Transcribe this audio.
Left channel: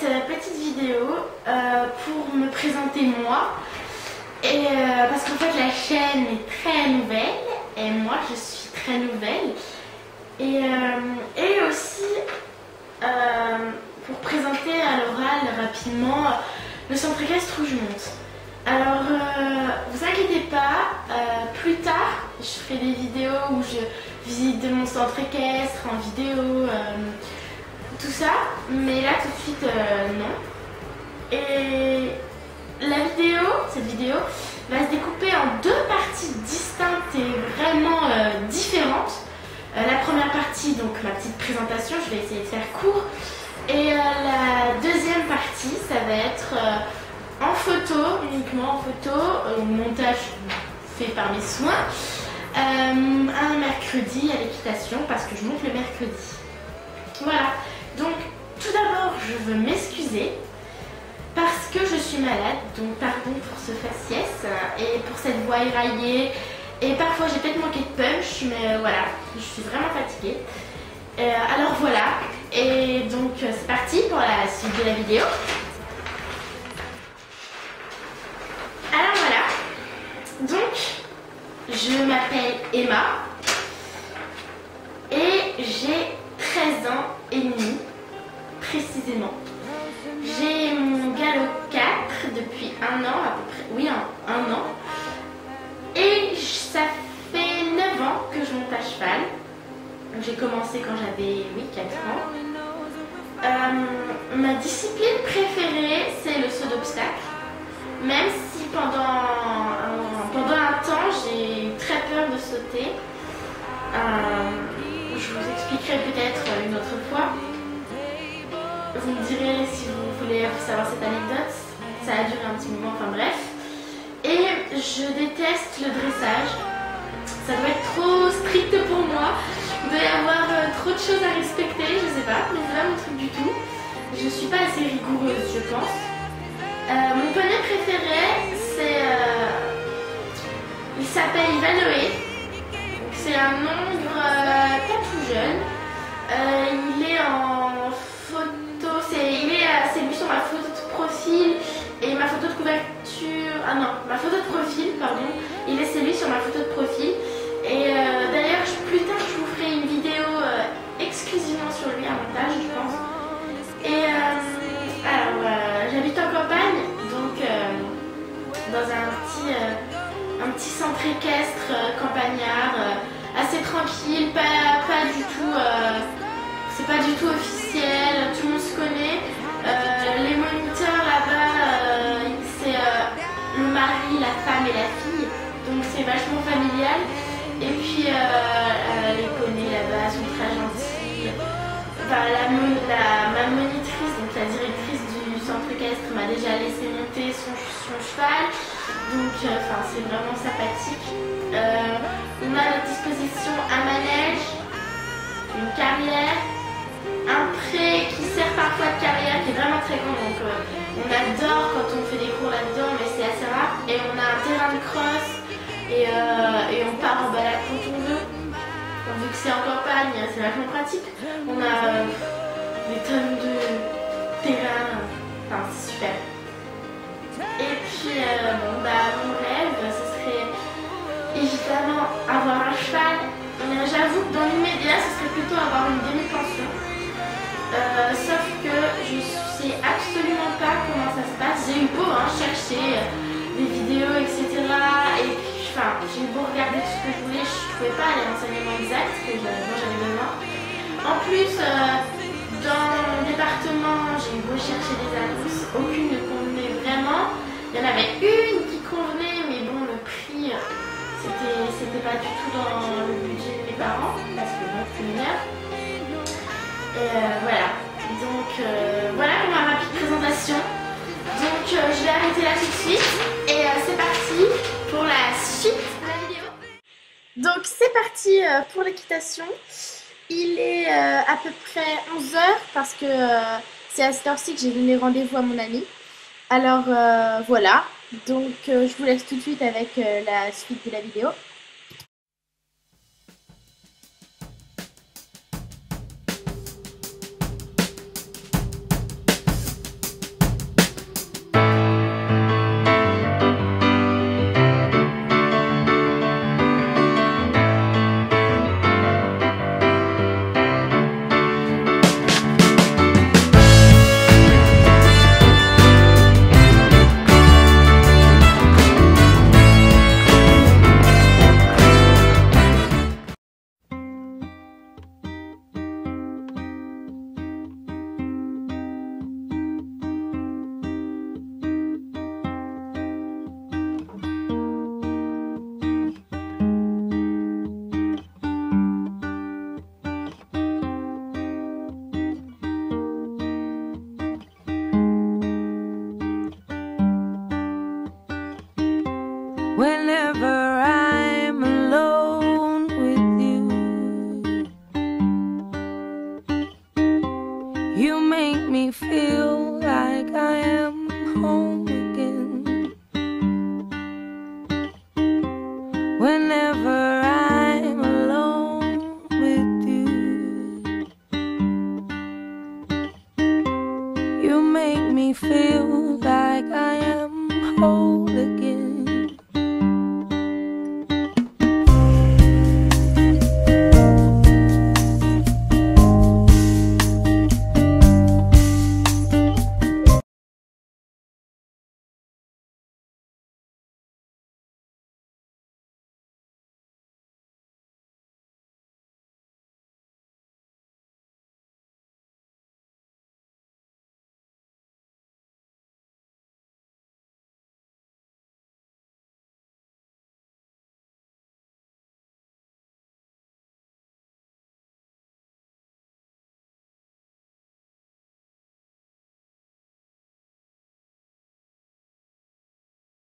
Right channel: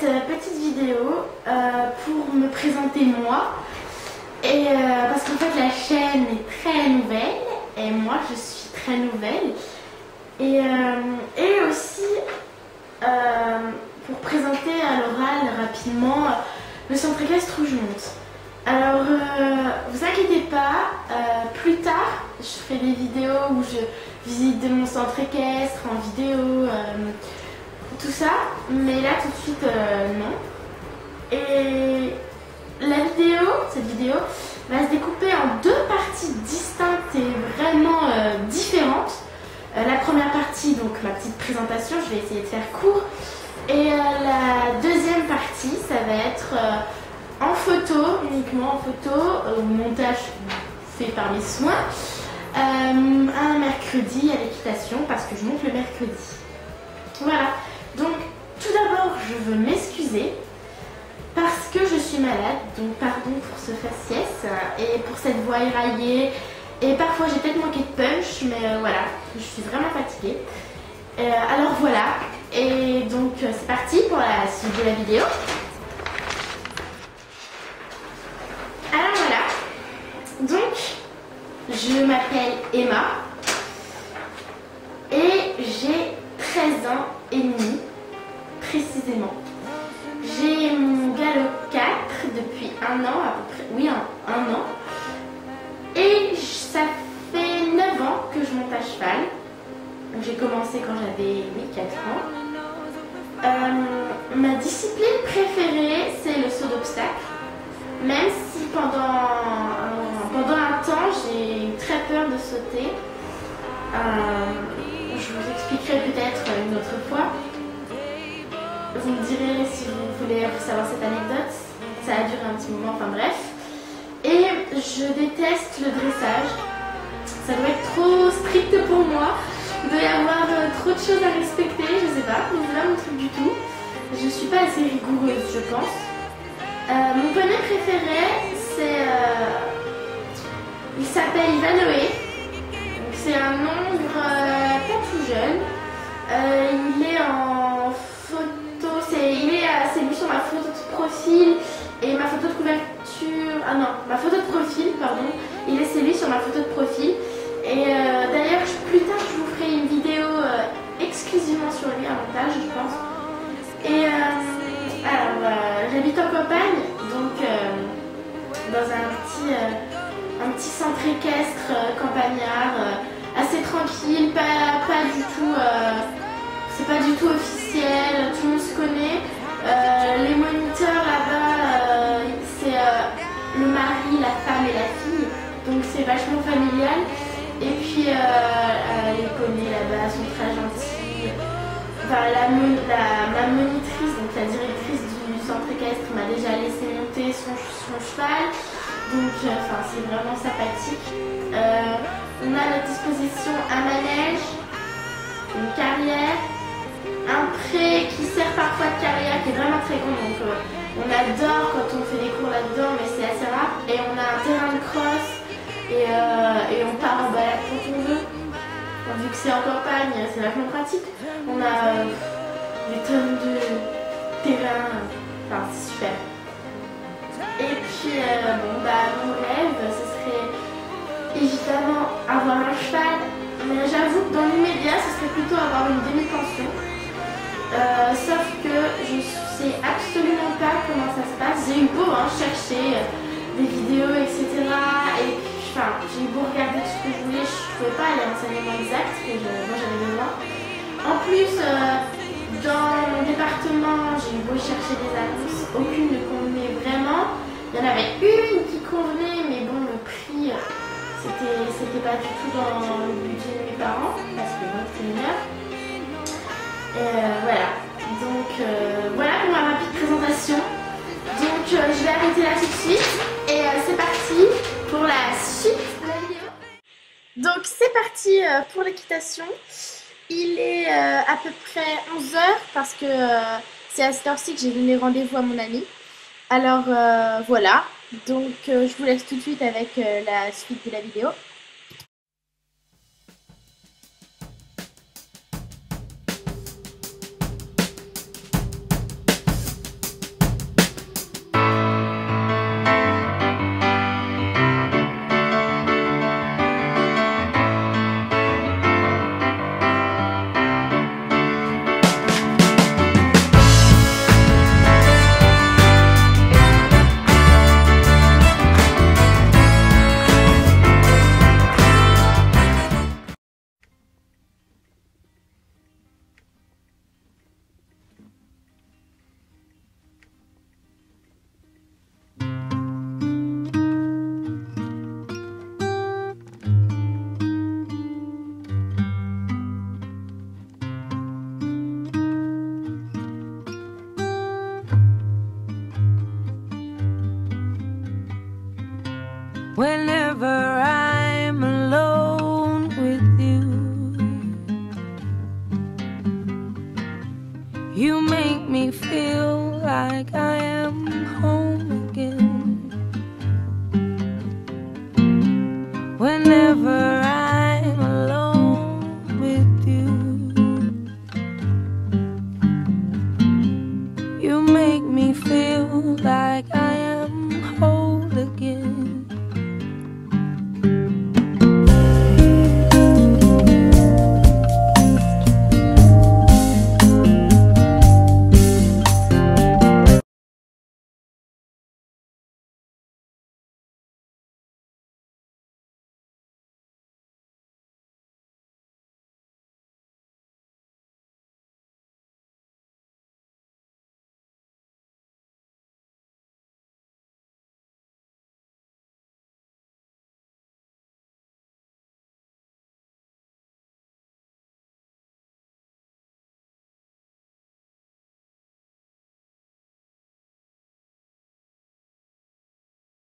cette petite vidéo pour me présenter moi. Et parce qu'en fait la chaîne est très nouvelle et moi je suis très nouvelle. Et aussi pour présenter à l'oral rapidement le centre équestre où je monte. Alors vous inquiétez pas, plus tard je ferai des vidéos où je visite mon centre équestre en vidéo, tout ça, mais là tout de suite non. Et cette vidéo va se découper en deux parties distinctes et vraiment différentes. La première partie, donc ma petite présentation, je vais essayer de faire court. Et la deuxième partie, ça va être en photo, uniquement en photo, montage fait par mes soins, un mercredi à l'équitation parce que je monte le mercredi. Voilà, donc tout d'abord je veux m'excuser parce que je suis malade, donc pardon pour ce faciès et pour cette voix éraillée et parfois j'ai peut-être manqué de punch, mais voilà, je suis vraiment fatiguée. Alors voilà, et donc c'est parti pour la suite de la vidéo. Alors voilà, donc je m'appelle Emma et j'ai 13 ans et demi précisément. J'ai mon galop 4 depuis un an à peu près, oui un an. Et ça fait 9 ans que je monte à cheval. J'ai commencé quand j'avais 4 ans. Ma discipline préférée c'est le saut d'obstacle. Même si pendant un temps j'ai eu très peur de sauter. Je vous expliquerai peut-être une autre fois. Vous me direz si vous voulez savoir cette anecdote. Ça a duré un petit moment, enfin bref. Et je déteste le dressage. Ça doit être trop strict pour moi. Il doit y avoir trop de choses à respecter, je sais pas. Mais c'est pas mon truc du tout. Je suis pas assez rigoureuse, je pense. Mon poney préféré, c'est... il s'appelle Ivanoé. C'est un nombre pas tout jeune. Il est en photo, c'est lui sur ma photo de profil et ma photo de couverture. Ah non, ma photo de profil, pardon. C'est lui sur ma photo de profil. Et d'ailleurs, plus tard, je vous ferai une vidéo exclusivement sur lui, un montage, je pense. Et alors, j'habite en campagne, donc dans un petit centre équestre campagnard, assez tranquille, pas du tout. C'est pas du tout officiel, tout le monde se connaît. Les moniteurs là-bas, c'est le mari, la femme et la fille, donc c'est vachement familial. Et puis les poneys là-bas sont très gentils. Enfin, ma monitrice, donc la directrice du centre équestre, m'a déjà laissé monter son cheval. Donc c'est vraiment sympathique. On a à notre disposition un manège, une carrière, un pré qui sert parfois de carrière qui est vraiment très grand, donc on adore quand on fait des cours là-dedans, mais c'est assez rare. Et on a un terrain de cross et on part en balade quand on veut. Bon, vu que c'est en campagne, c'est vachement pratique. On a des tonnes de terrain, enfin c'est super. Et puis mon rêve ce serait évidemment avoir un cheval, mais j'avoue que dans l'immédiat ce serait plutôt avoir une demi-pension. Sauf que je sais absolument pas comment ça se passe. J'ai eu beau chercher des vidéos, etc. Et puis, j'ai eu beau regarder tout ce que je voulais, je ne trouvais pas les renseignements exacts que moi j'avais besoin. En plus, dans mon département, j'ai eu beau chercher des annonces, aucune ne convenait vraiment. Il y en avait une qui convenait, mais bon, le prix, c'était pas du tout dans le budget de mes parents, parce que bon, c'est mineur. Voilà, donc voilà pour ma rapide présentation. Donc je vais arrêter là tout de suite et c'est parti pour la suite de la vidéo. Donc c'est parti pour l'équitation. Il est à peu près 11h parce que c'est à cette heure-ci que j'ai donné rendez-vous à mon ami. Alors voilà, donc je vous laisse tout de suite avec la suite de la vidéo. Whenever